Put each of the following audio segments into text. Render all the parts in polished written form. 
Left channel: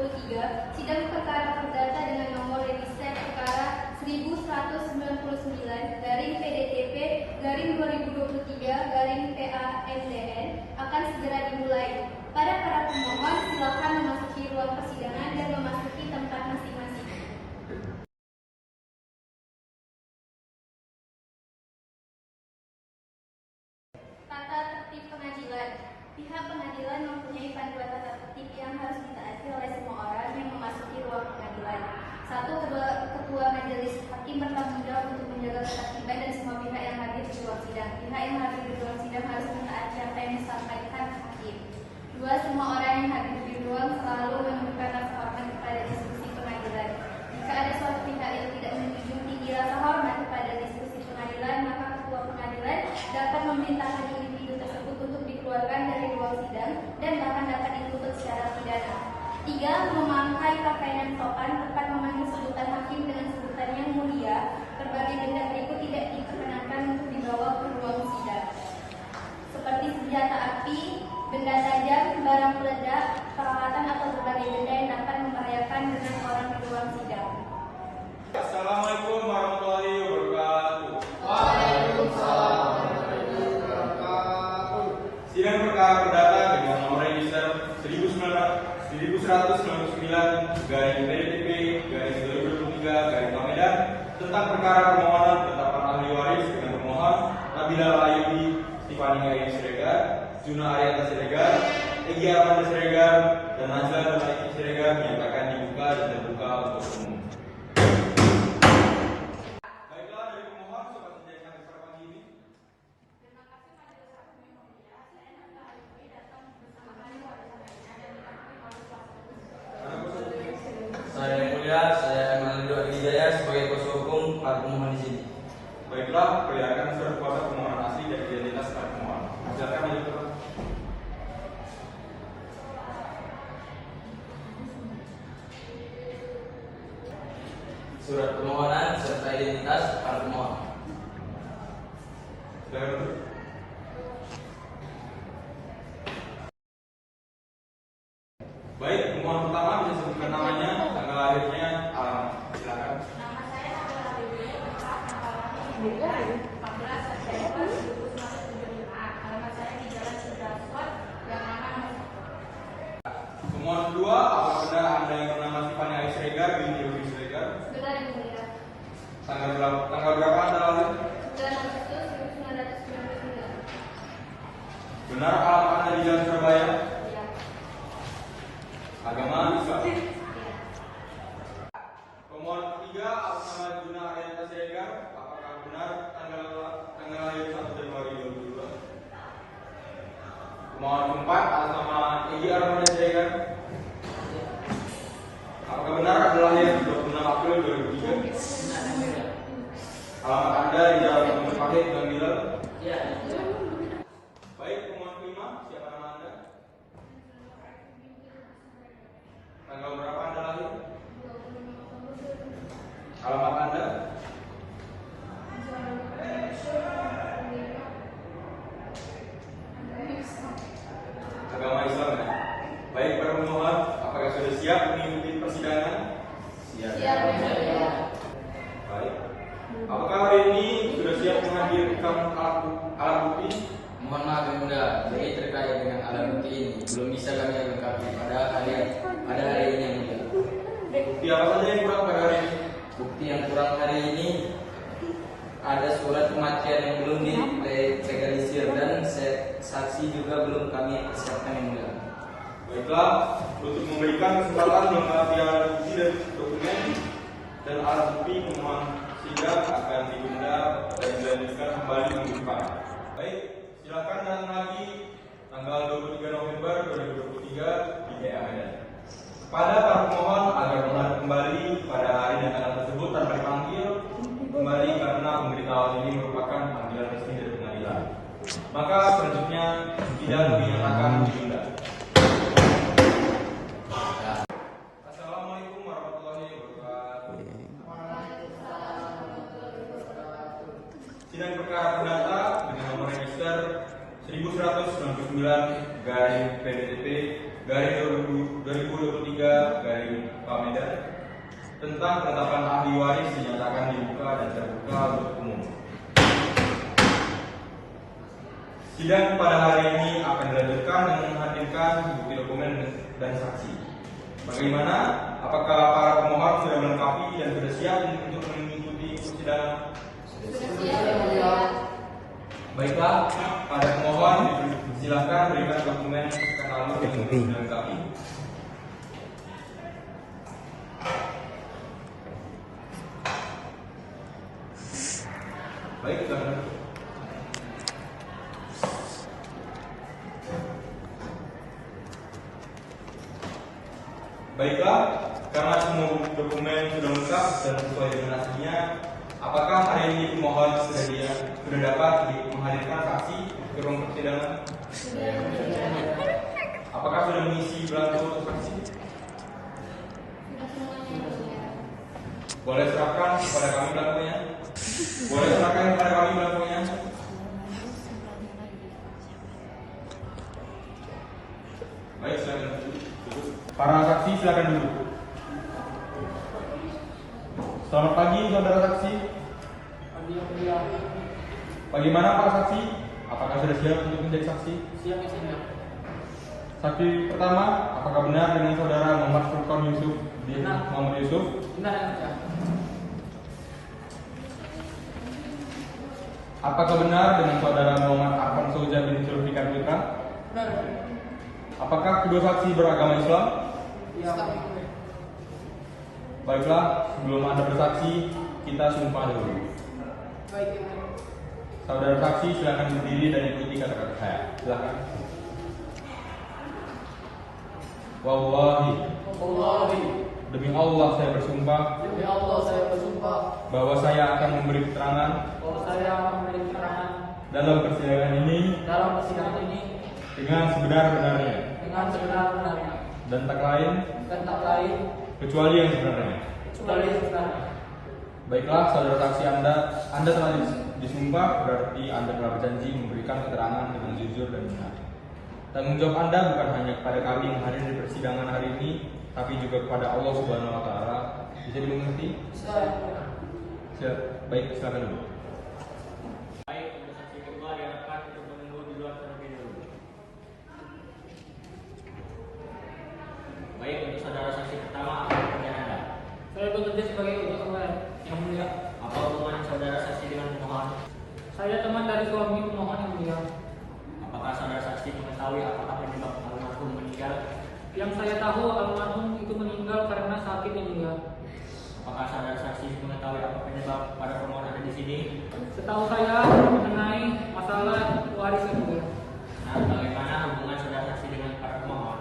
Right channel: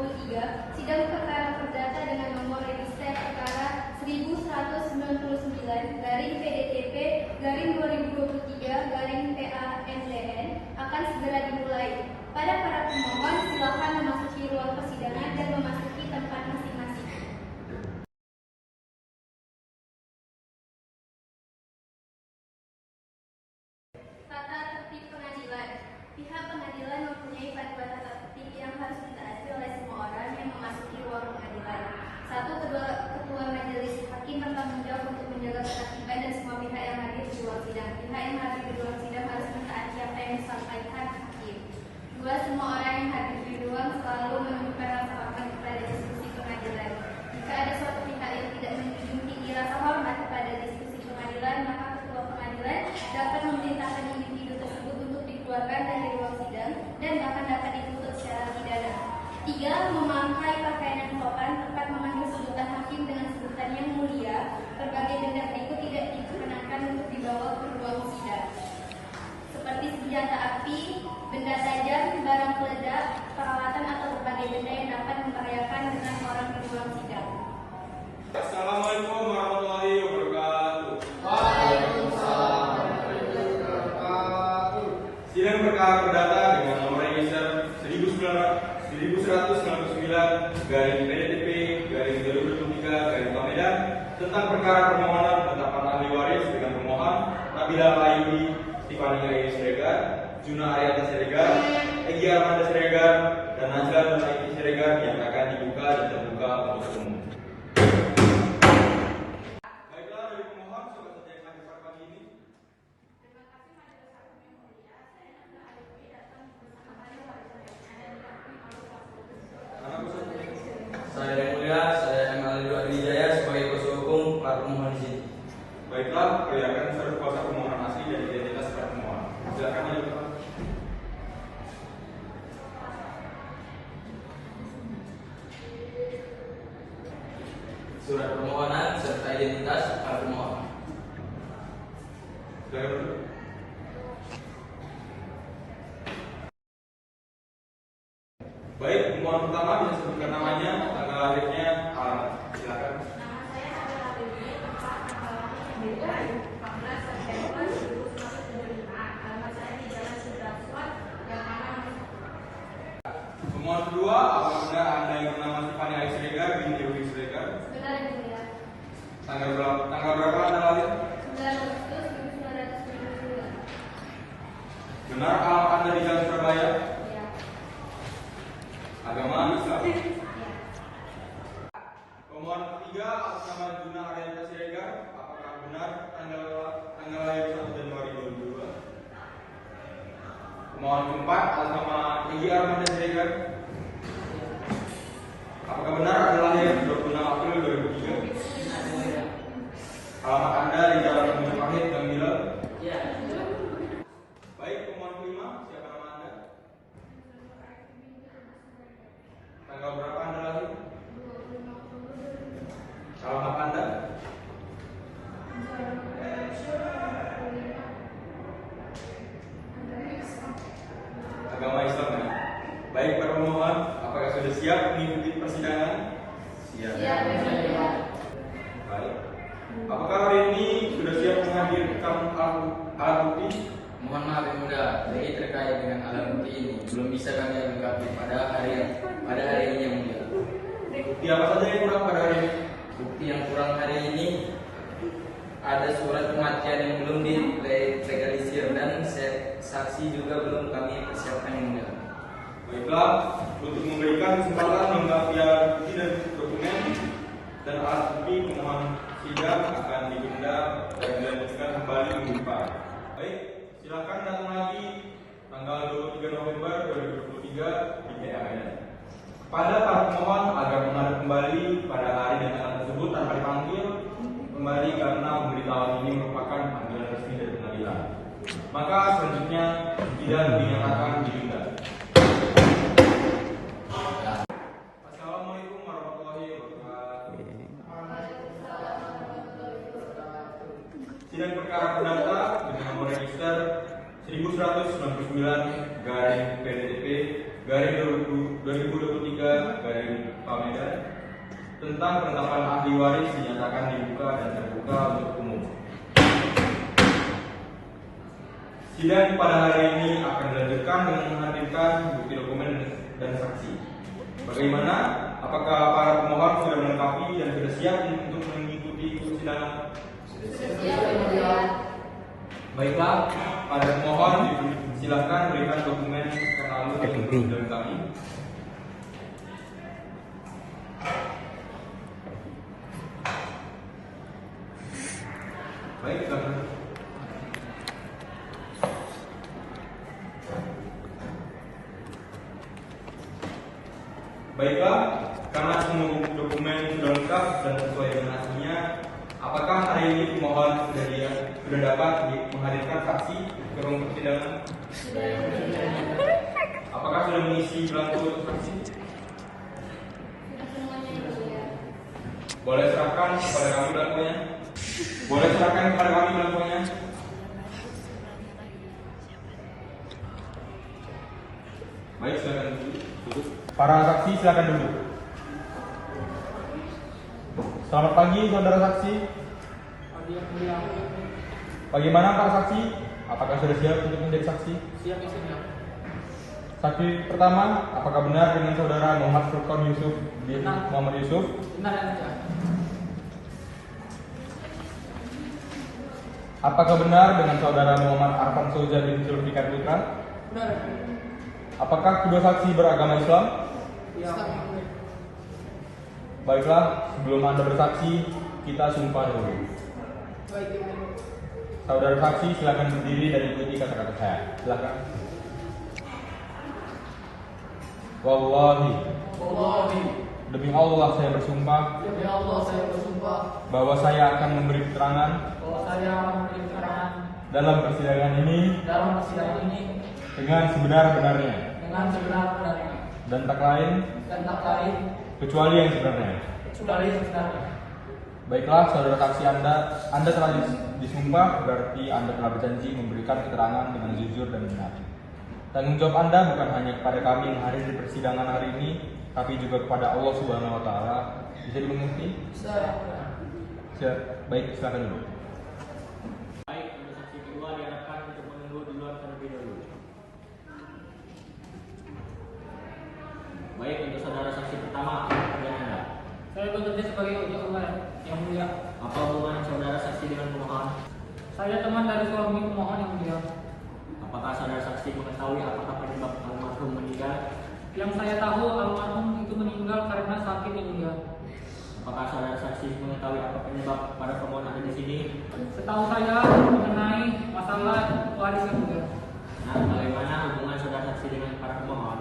2023, sidang perkara perdata dengan nomor register perkara 1199 garing PDTP garing 2023 garing PANDN akan segera dimulai. Pada para pemohon, silakan memasuki ruang persidangan dan memasuki tempat masing-masing. Tata tertib pengadilan. Pihak pengadilan mempunyai panduan tata tertib yang harus ditaati oleh semua orang yang memasuki ruang pengadilan. 1. Ketua majelis hakim bertanggung jawab untuk menjaga ketertiban dan semua pihak yang hadir di ruang sidang. Pihak yang hadir di ruang sidang harus mentaati apa yang disampaikan hakim. 2. Semua orang yang hadir di ruang selalu menunjukkan rasa hormat kepada diskusi pengadilan. Jika ada suatu pihak yang tidak menjunjung tinggi rasa hormat kepada diskusi pengadilan, maka ketua pengadilan dapat memerintahkan individu tersebut untuk dikeluarkan dari ruang sidang dan bahkan dapat dituntut secara pidana. 3. Memakai pakaian sopan, tepat memanggil sebutan hakim dengan sebutan yang mulia. Berbagai denda berikut tidak diperkenankan untuk dibawa ke ruang sidang, seperti senjata api, benda tajam, barang peledak, peralatan atau berbagai benda yang dapat membahayakan dengan orang di ruang sidang. Assalamualaikum warahmatullahi wabarakatuh. Waalaikumsalam warahmatullahi wabarakatuh. Sidang perkara perdata dengan nomor register 1199 garing PDTP garing 2023 garing Medan tentang perkara permohonan penetapan ahli waris dengan pemohon Nabila Ayudi Tiffany Ayu Siregar, Juna Arianta Siregar, Egy Armanda Siregar, dan Najla dan Aiki Siregar yang akan dibuka dan terbuka untuk umum. Baiklah, dari pemohon siapa saja yang hadir pada pagi ini? Terima kasih pada kesempatan yang mulia. Saya Nabila Ayudi datang bersama ahli waris Saya yang mulia, saya Maulid Abidaya sebagai kuasa hukum para pemohon di sini. Baiklah, perlihatkan surat kuasa permohonan asli dan identitas para pemohon. Silakan maju ke depan. Surat permohonan serta identitas para pemohon. Silakan duduk. Baik, pemohon pertama bisa sebutkan namanya, tanggal lahirnya, alamat. Silakan. Nama saya Nabila Ayudi, tanggal lahir 14 September 1995. Alamat saya di Jalan Sudrajat, Gang Tangan, Nomor 1. Pemohon kedua, apakah benar Anda yang bernama Tiffany Ayu Siregar binti Yogi Siregar? Benar yang mulia. Tanggal berapa Anda lahir? 9 Agustus 1999. Benar alamat Anda di Jalan Surabaya? Ya. Agama Islam. Ya. Pemohon ketiga, atas nama Juna Arianta Siregar, apakah benar tanggal lahir 1 Januari 2002? Pemohon keempat, atas nama Egy Armanda Siregar, apakah benar Anda lahir 26 April 2003? Alamat Anda di Jalan Gunung Pahit, Gang Mila? Ya. Baik, pemohon kelima, siapa nama Anda? Tanggal berapa Anda lahir? Alamat Anda? Agama Islam ya? Baik, para pemohon, apakah sudah siap mengikuti persidangan? Siap yang mulia. Baik. Apakah hari ini sudah siap menghadirkan alat bukti? Mohon maaf yang mulia, jadi terkait dengan alat bukti ini belum bisa kami lengkapi pada hari ini yang mulia. Bukti apa saja yang kurang pada hari ini? Bukti yang kurang hari ini ada surat kematian yang belum dilegalisir dan saksi juga belum kami siapkan yang mulia. Baiklah, untuk memberikan kesempatan melengkapi alat bukti dan dokumen dan alat bukti, pemohon sidang akan ditunda dan dilanjutkan kembali minggu depan. Baik, silakan datang lagi tanggal 23 November 2023 di PA Medan. Kepada para pemohon agar menghadap kembali pada hari dan tanggal tersebut tanpa dipanggil kembali karena pemberitahuan ini merupakan panggilan resmi dari pengadilan. Maka selanjutnya sidang dinyatakan ditunda. Assalamualaikum warahmatullahi wabarakatuh. Sidang perkara perdata dengan nomor register 1199 garing PDTP garing 2023 garing tentang penetapan ahli waris dinyatakan dibuka dan terbuka untuk umum. Sidang pada hari ini akan dilanjutkan dengan menghadirkan bukti dokumen dan saksi. Bagaimana? Apakah para pemohon sudah melengkapi dan sudah siap untuk mengikuti persidangan? Baiklah, pada pemohon silakan berikan dokumen lalu yang dilengkapi. Baik, silakan. Baiklah, karena semua dokumen sudah lengkap dan sesuai dengan aslinya, apakah hari ini pemohon sudah dapat menghadirkan saksi ke ruang persidangan? Apakah sudah mengisi belangko untuk saksi? Boleh serahkan kepada kami belangkonya? Boleh serahkan kepada kami belangkonya? Baik, silakan duduk. Para saksi silakan duduk. Selamat pagi, saudara saksi. Bagaimana para saksi? Apakah sudah siap untuk menjadi saksi? Siap, siap. Saksi pertama, apakah benar dengan saudara Muhammad Furqan Yusuf bin Benar. Muhammad Yusuf? Benar ya. Apakah benar dengan saudara Muhammad Arfan Soja bin Sulfikan Putra? Benar. Apakah kedua saksi beragama Islam? Ya. Baiklah, sebelum Anda bersaksi, kita sumpah dulu. Baik, ya. Saudara saksi silakan berdiri dan ikuti kata-kata saya. Silakan. Wallahi, Wallahi, demi Allah saya bersumpah demi Allah saya bersumpah bahwa saya akan memberi keterangan bahwa saya akan memberi keterangan dalam persidangan ini dalam persidangan ini dengan sebenar-benarnya dengan sebenar-benarnya dan tak lain dan tak lain kecuali yang sebenarnya. kecuali yang sebenarnya. Baiklah, saudara saksi Anda telah disumpah, berarti Anda telah berjanji memberikan keterangan dengan jujur dan benar. Tanggung jawab Anda bukan hanya kepada kami yang hadir di persidangan hari ini, tapi juga kepada Allah Subhanahu wa taala. Bisa dimengerti? Saya Siap. Baik, silakan dulu. Baik, untuk saksi kedua diharapkan untuk menunggu di luar terlebih dahulu. Baik, untuk saudara saksi pertama, apa pekerjaan Anda? saya bekerja sebagai ojek online yang mulia. Apa hubungan saudara saksi dengan pemohon? Saya teman dari suami pemohon yang mulia. Apakah saudara saksi mengetahui apakah penyebab almarhum meninggal? Yang saya tahu almarhum itu meninggal karena sakit yang mulia. Apakah saudara saksi mengetahui apa penyebab para pemohon ada di sini? Setahu saya mengenai masalah waris yang mulia. Nah, bagaimana hubungan saudara saksi dengan para pemohon?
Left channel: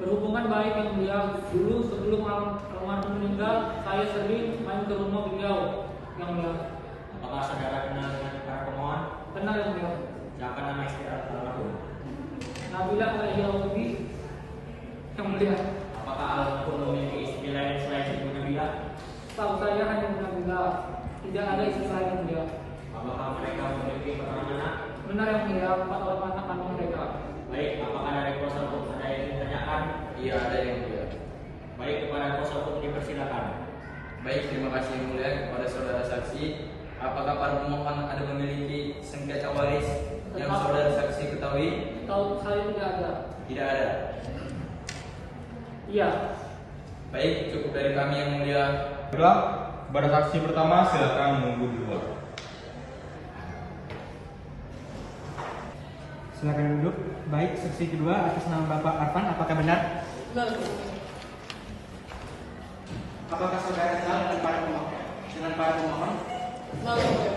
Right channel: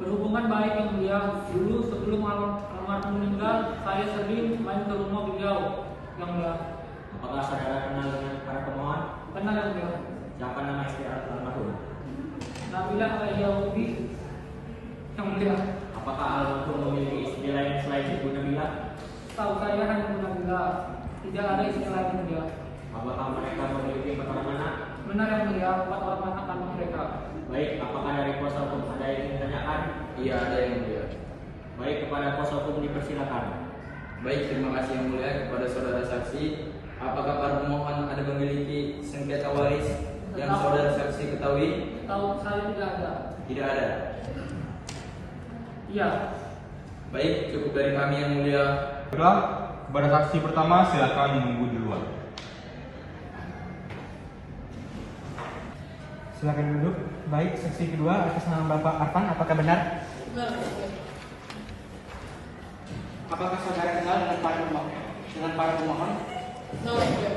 Berhubungan baik yang mulia. Dulu sebelum almarhum meninggal, saya sering main ke rumah beliau yang mulia. Apakah saudara kenal dengan para pemohon? Benar yang mulia. Siapa nama istri almarhum? Nabila Al-Yahudi yang mulia. Apakah almarhum memiliki istri lain selain Ibu Nabila? Tahu saya hanya Nabila, tidak ada istri lain yang mulia. Apakah mereka memiliki empat anak? Benar yang mulia, 4 orang anak kandung mereka. Baik, apakah dari kuasa hukum ada yang ditanyakan? Iya, ada yang mulia. Baik, kepada kuasa hukum dipersilakan. Baik, terima kasih yang mulia kepada saudara saksi. Apakah para pemohon ada memiliki sengketa waris yang saudara saksi ketahui? Tahu saya tidak ada. Tidak ada. Iya. Baik, cukup dari kami yang mulia. Baiklah, kepada saksi pertama silakan menunggu di luar. Silakan duduk. Baik, saksi kedua atas nama Bapak Arfan, apakah benar? Benar yang mulia. Apakah saudara kenal dengan para pemohon? Benar yang mulia.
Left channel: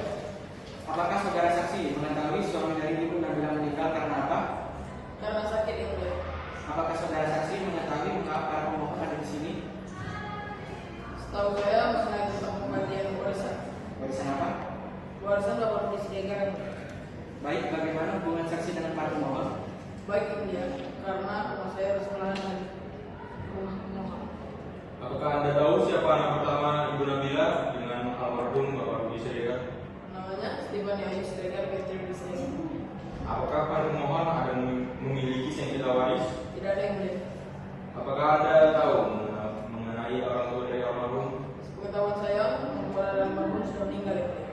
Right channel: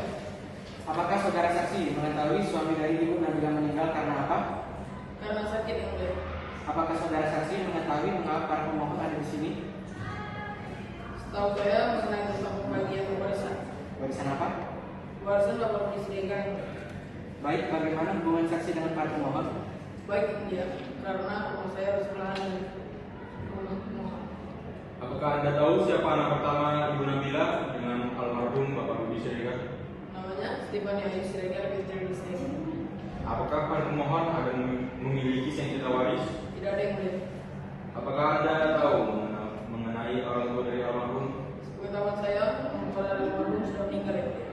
Apakah saudara saksi mengetahui suami dari Ibu Nabila meninggal karena apa? Karena sakit yang mulia. Apakah saudara saksi mengetahui mengapa para pemohon ada di sini? Setahu saya mengenai pembagian warisan. Warisan apa? Warisan dapat disediakan. Baik, bagaimana hubungan saksi dengan para pemohon? Baik yang mulia, karena rumah saya harus melarang rumah pemohon. Apakah Anda tahu siapa anak pertama Ibu Nabila dengan almarhum Bapak Rudi Siregar? Namanya Stefan Yahya Siregar binti Bisnis. Apakah para pemohon ada memiliki sengketa waris? Tidak ada yang mulia. Apakah Anda tahu mengenai orang tua dari almarhum? Sepengetahuan saya, saudara almarhum sudah meninggal.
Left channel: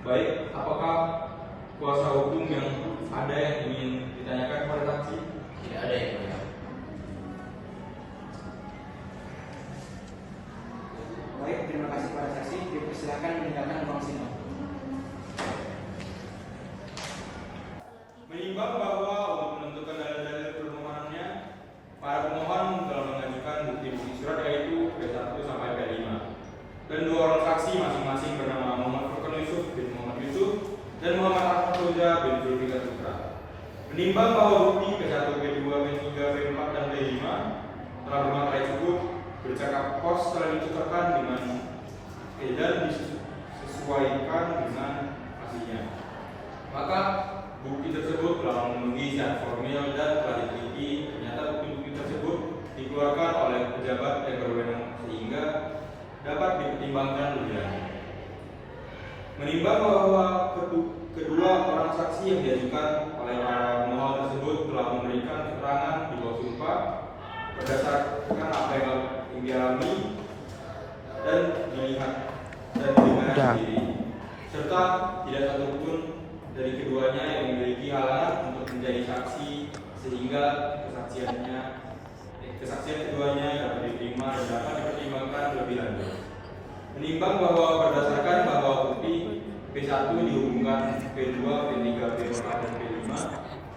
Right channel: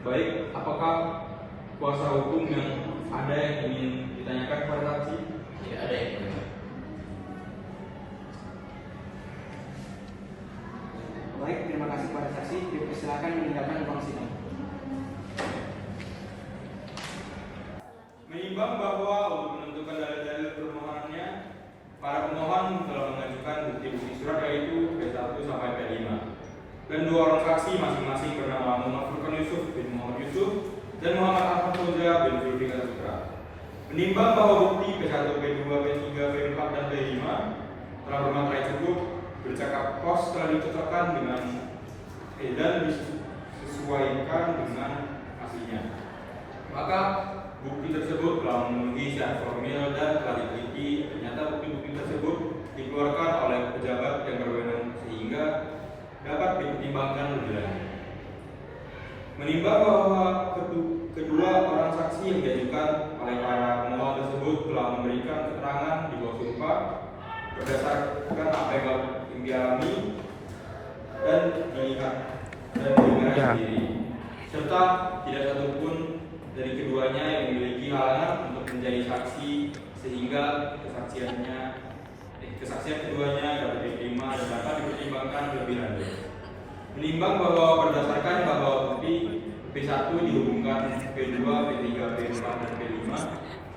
Baik, apakah kuasa hukum yang ada yang ingin ditanyakan kepada saksi? Tidak ada yang mulia. Baik, terima kasih kepada saksi. Dipersilakan meninggalkan ruang sidang. Menimbang bahwa untuk menentukan dalil-dalil permohonannya, para pemohon telah mengajukan bukti-bukti surat yaitu P1 sampai P5 dan dua orang saksi masing-masing bernama Muhammad Furqan Yusuf bin Muhammad Yusuf dan Muhammad Ahmad Putra bin Zulfikar Putra. Menimbang bahwa bukti P1, P2, P3, P4 dan P5 telah bermaterai cukup, bercakap pos telah dicocokkan dengan dan disesuaikan dengan aslinya, maka bukti tersebut telah memenuhi syarat formil dan telah diteliti. Ternyata bukti-bukti tersebut dikeluarkan oleh pejabat yang berwenang sehingga dapat dipertimbangkan lebih lanjut. Menimbang bahwa kedua orang saksi yang diajukan oleh para pemohon tersebut telah memberikan keterangan di bawah sumpah berdasarkan apa yang dialami dan dilihat dan didengar sendiri, serta tidak satupun dari keduanya yang memiliki halangan untuk menjadi saksi sehingga kesaksian keduanya dapat diterima dan dapat dipertimbangkan lebih lanjut. Menimbang bahwa berdasarkan bahwa bukti P1 dihubungkan P2, P3, P4 dan P5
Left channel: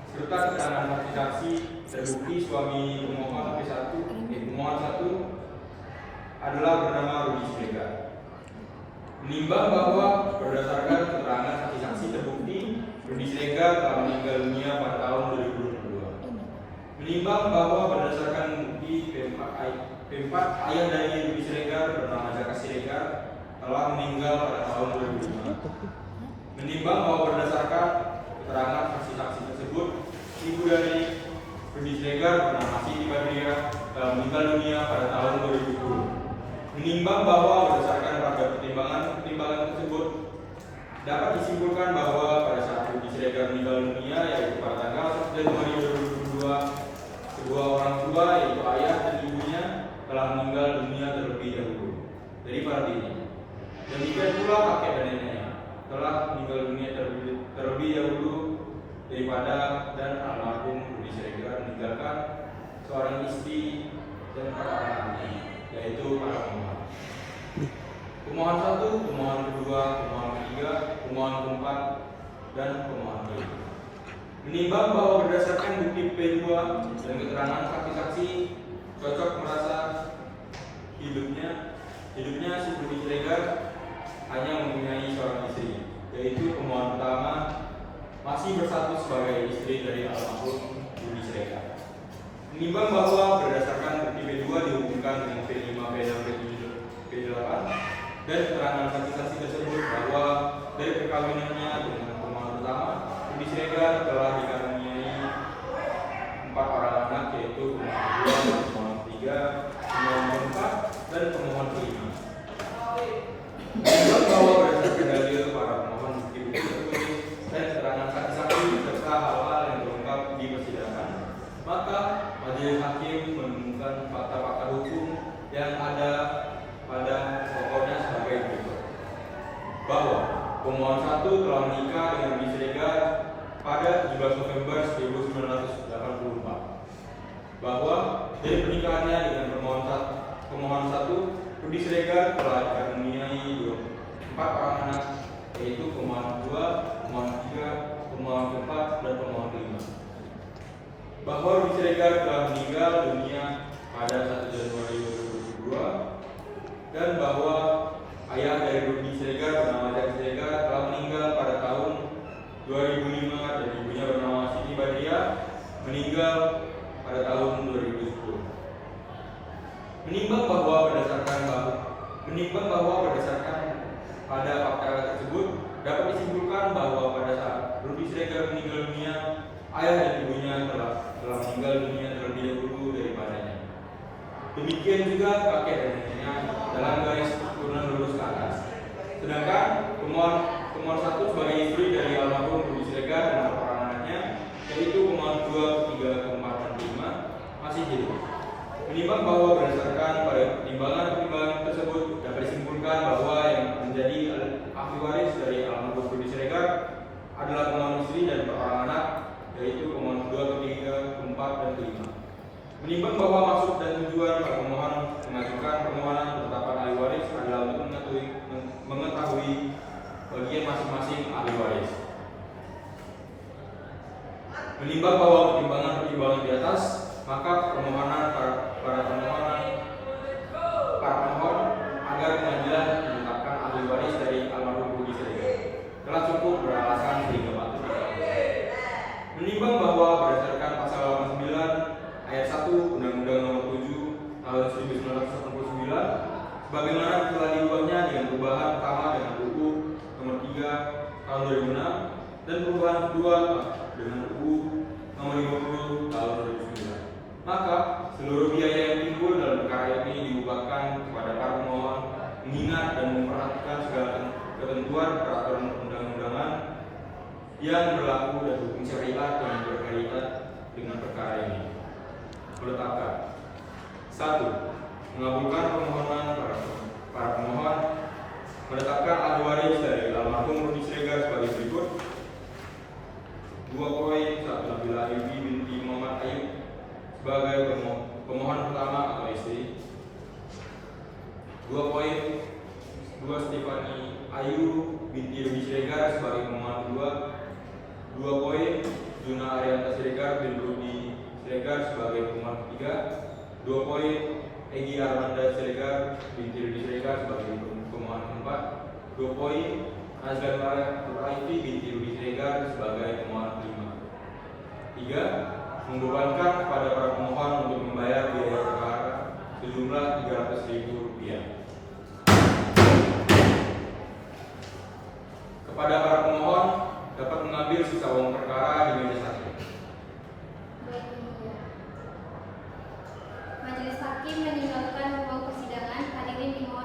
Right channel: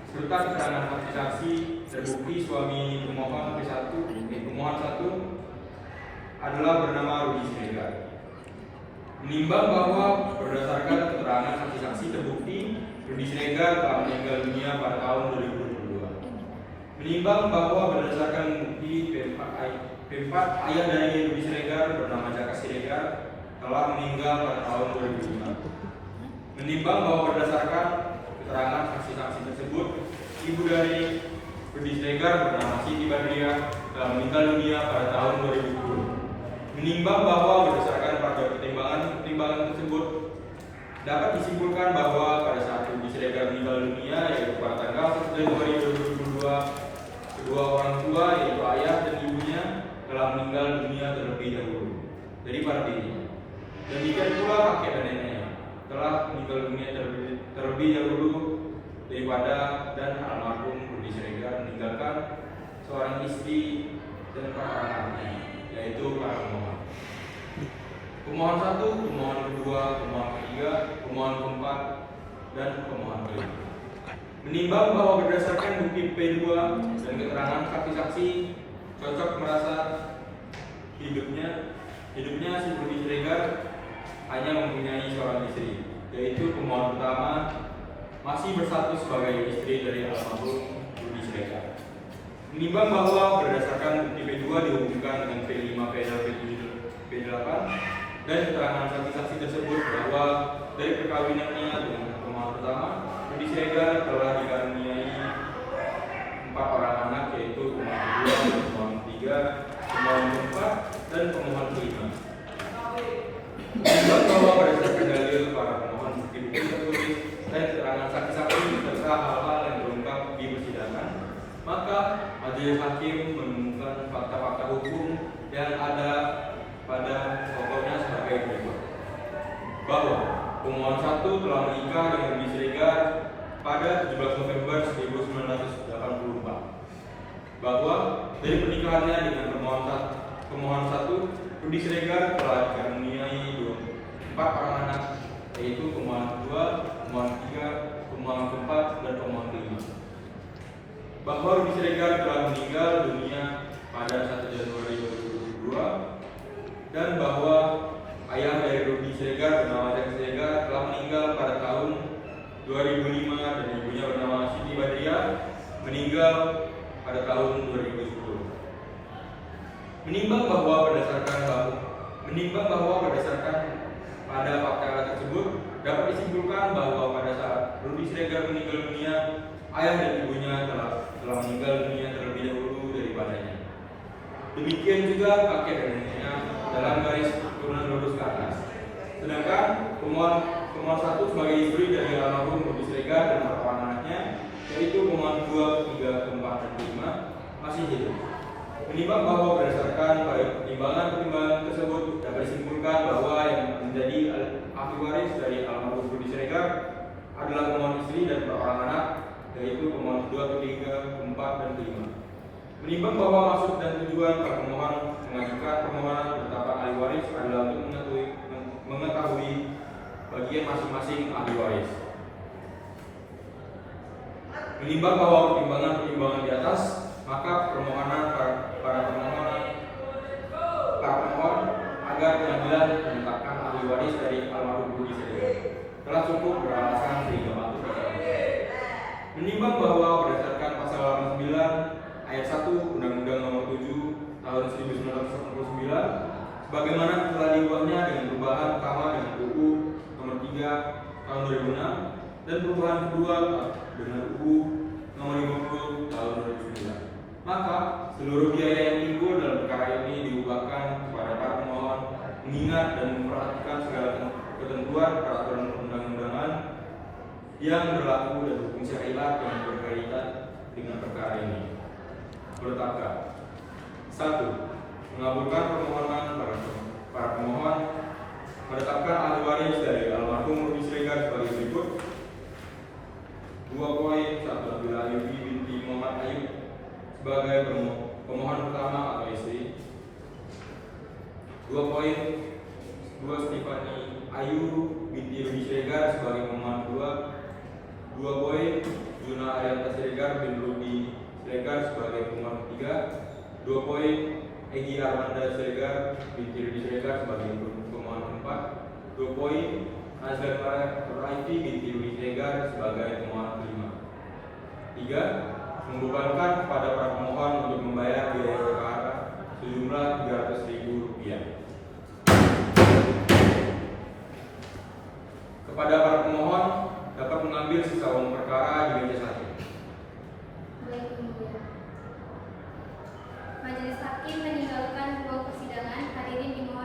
serta keterangan saksi-saksi terbukti suami pemohon pemohon 1 adalah bernama Rudi Siregar. Menimbang bahwa berdasarkan keterangan saksi-saksi terbukti Rudi Siregar telah meninggal dunia pada tahun 2022. Menimbang bahwa berdasarkan bukti P4 ayah dari Rudi Siregar bernama Jaka Siregar telah meninggal pada tahun 2005. Menimbang bahwa berdasarkan keterangan saksi-saksi tersebut ibu dari Rudi Siregar bernama Siti Badriah telah meninggal dunia pada tahun 2010. Menimbang bahwa berdasarkan pada pertimbangan tersebut dapat disimpulkan bahwa pada saat Rudi Siregar meninggal dunia yaitu pada tanggal 1 Januari 2022 kedua orang tua yaitu ayah dan ibunya telah meninggal dunia terlebih dahulu daripada dirinya. Demikian pula kakek dan neneknya telah meninggal dunia terlebih dahulu daripada dan almarhum Rudi Siregar meninggalkan seorang istri dan para anaknya, yaitu para pemohon. Pemohon 1, pemohon kedua, pemohon ketiga, pemohon keempat, dan pemohon kelima. Menimbang bahwa berdasarkan bukti P2 dan keterangan saksi-saksi cocok merasa hidupnya si Rudi Siregar hanya mempunyai seorang istri, yaitu pemohon pertama masih bersatu sebagai istri dari almarhum Rudi Siregar. Menimbang bahwa berdasarkan bukti P2 dihubungkan dengan P5, P6, P7, P8 dan keterangan saksi-saksi tersebut bahwa dari perkawinannya dengan pemohon pertama Rudi Siregar telah dikaruniai 4 orang anak yaitu pemohon kedua, pemohon ketiga, pemohon keempat dan pemohon kelima. Menimbang bahwa berdasarkan dalil para pemohon bukti-bukti tertulis dan keterangan saksi-saksi serta hal-hal yang terungkap di persidangan, maka majelis hakim menemukan fakta-fakta hukum yang ada pada pokoknya sebagai berikut: bahwa pemohon 1 telah menikah dengan Rudi Siregar pada 17 November 1984, bahwa dari pernikahannya dengan pemohon 1 Rudi Siregar telah dikaruniai 4 orang anak, yaitu pemohon 2, pemohon 3, pemohon keempat dan pemohon kelima. Bahwa Rudi Siregar telah meninggal dunia pada 1 Januari 2022 dan bahwa ayah dari Rudi Siregar bernama Jaka Siregar telah meninggal pada tahun 2005 dan ibunya bernama Siti Badriah meninggal pada tahun 2010. Menimbang bahwa berdasarkan pada fakta tersebut dapat disimpulkan bahwa pada saat Rudi Siregar meninggal dunia, ayah dan ibunya telah meninggal dunia terlebih dahulu daripadanya. Demikian juga kakek dan neneknya dalam garis turunan lurus ke atas. Sedangkan pemohon 1 sebagai istri dari almarhum Rudi Siregar dan 4 orang anaknya, yaitu pemohon 2, 3, 4 dan 5 masih hidup. Menimbang bahwa berdasarkan pada pertimbangan tersebut dapat disimpulkan bahwa yang menjadi ahli waris dari almarhum Rudi Siregar adalah pemohon istri dan seorang anak, yaitu pemohon kedua, ketiga, keempat, dan kelima. Menimbang bahwa maksud dan tujuan para pemohon mengajukan permohonan penetapan ahli waris adalah untuk mengetahui bagian masing-masing ahli waris. Menimbang bahwa pertimbangan di atas, maka permohonan para pemohon agar pengadilan menetapkan ahli waris dari almarhum Rudi Siregar telah cukup beralasan sehingga patut dikabulkan. Menimbang bahwa berdasarkan pasal 89 ayat 1 Undang-Undang Nomor 7 Tahun 1989, sebagaimana telah diubahnya dengan perubahan pertama dengan UU Nomor 3 Tahun 2006 dan perubahan kedua dengan UU Nomor 50 Tahun 2009, maka seluruh biaya yang timbul dalam perkara ini diubahkan kepada para pemohon, mengingat dan memperhatikan segala ketentuan peraturan perundang-undangan yang berlaku dan hukum syariat yang berkaitan dengan perkara ini. Menetapkan 1. Mengabulkan permohonan para pemohon menetapkan ahli waris dari almarhum Rudi Siregar sebagai berikut. 2 poin. 1. Nabila Ayubi binti Muhammad Ayub sebagai pemohon pertama atau istri. 2 poin. 2. Stefani Ayu binti Rudi Siregar sebagai pemohon kedua. 2 poin. Juna Arianta Siregar bin Rudi Siregar sebagai pemohon ketiga. 2 poin. Egi Armanda Siregar binti Rudi Siregar sebagai pemohon keempat. 2 poin. Azlan Maraifi binti Rudi Siregar sebagai pemohon kelima. 3. Membebankan kepada para pemohon untuk membayar biaya perkara sejumlah Rp300.000. Kepada para pemohon dapat mengambil sisa uang perkara di meja 1. Baik, Yang Mulia. Majelis Hakim yang dilakukan ruang persidangan hadirin dimohon